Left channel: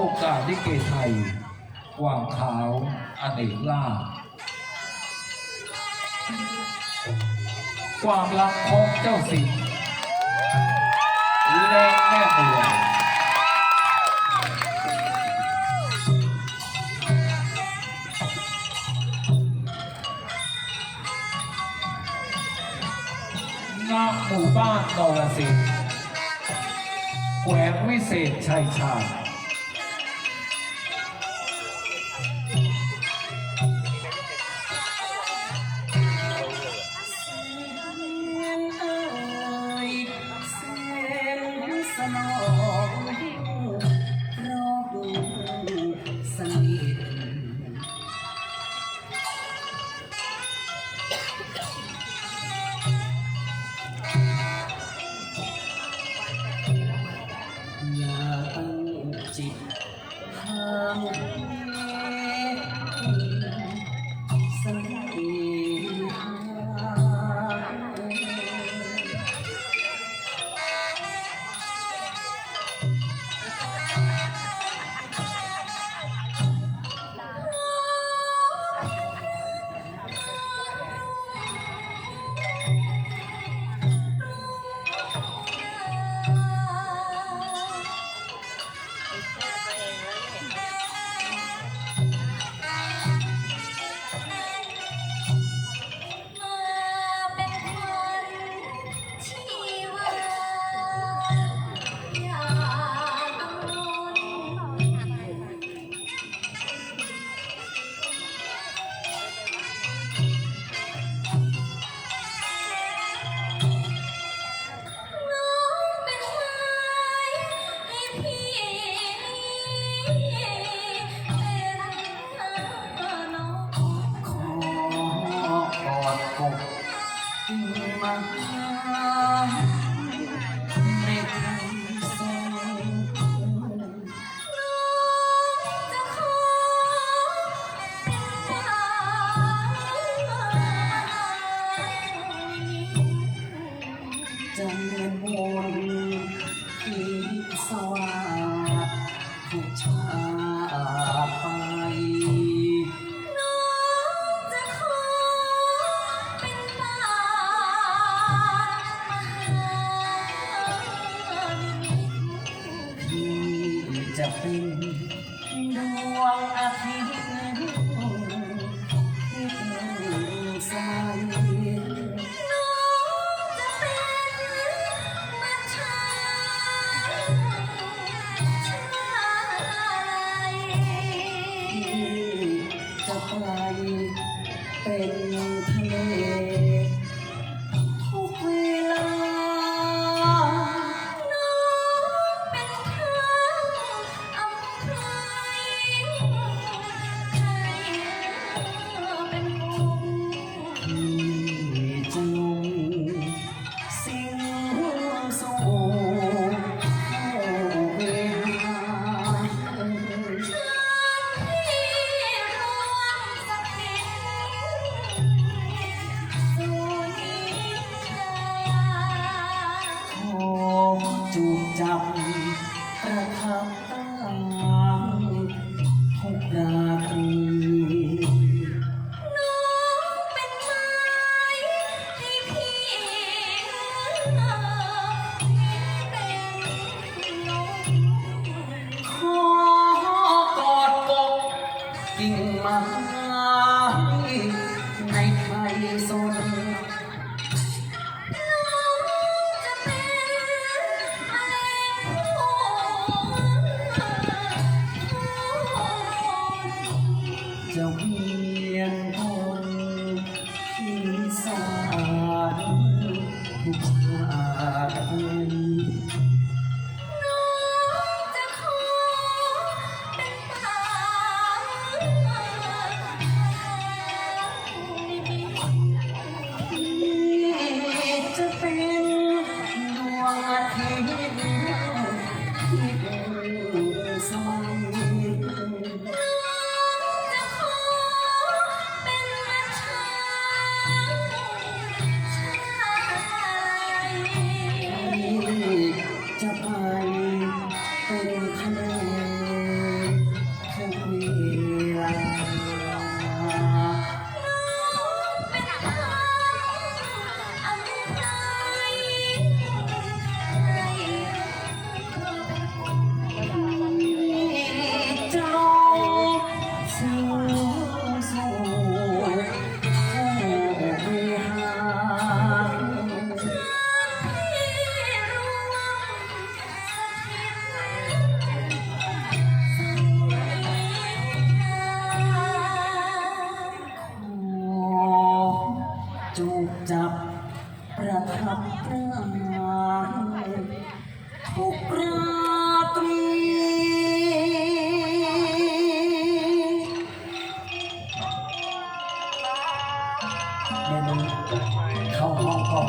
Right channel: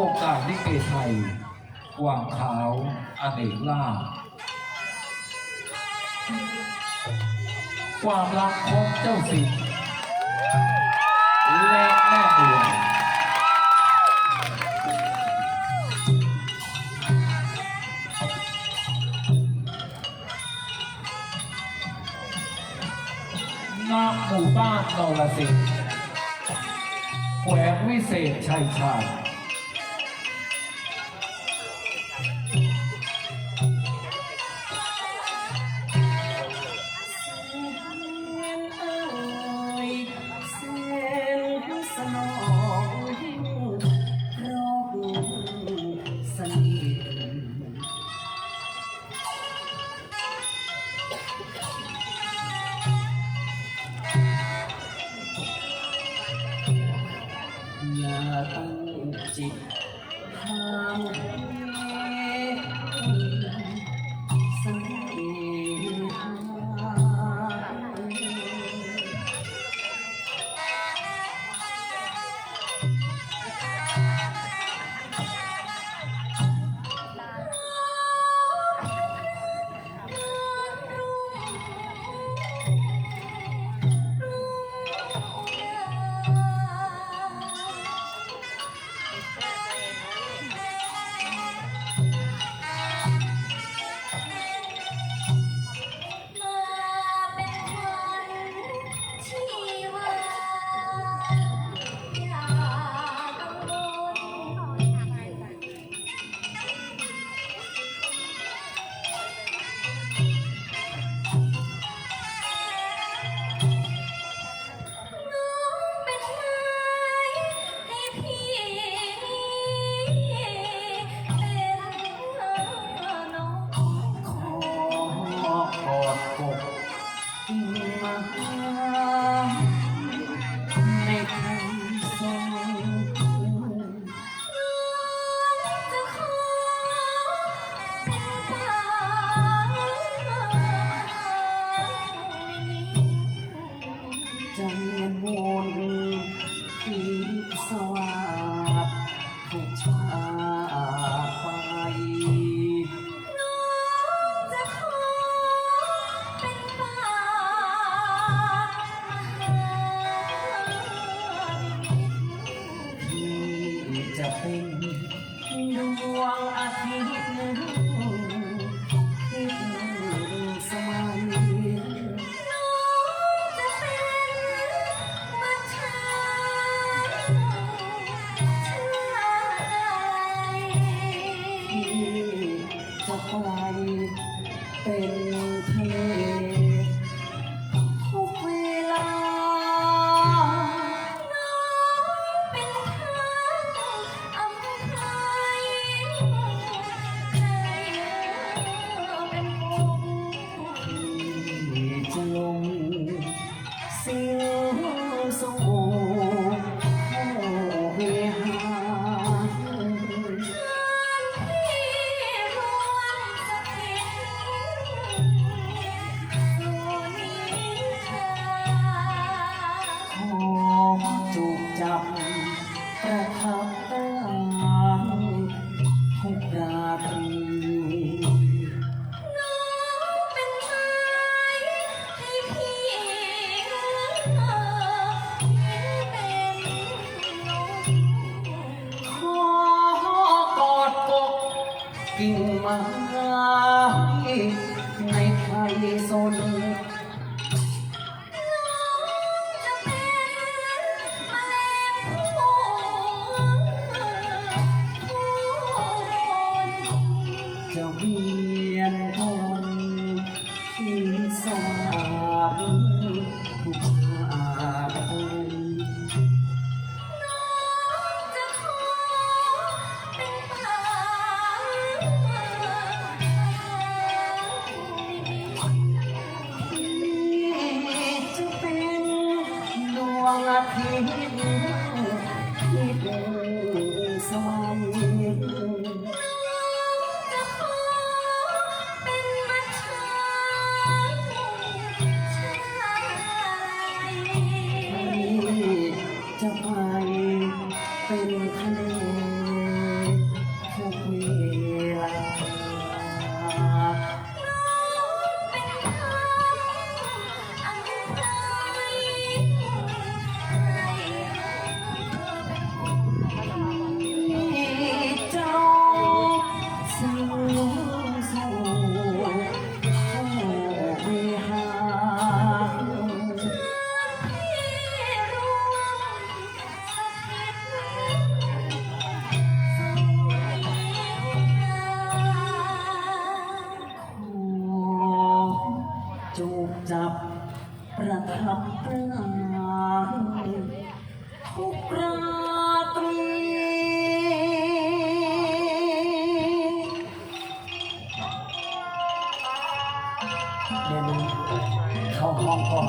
วงการลิเกไทยกวางขาวอเนกล่า ความรักของเจ้าสิงและแม่บัวณหมู่บ้านนรสิงแขวงวิเศษชัยชาย เมนูเข้าห้องก่อน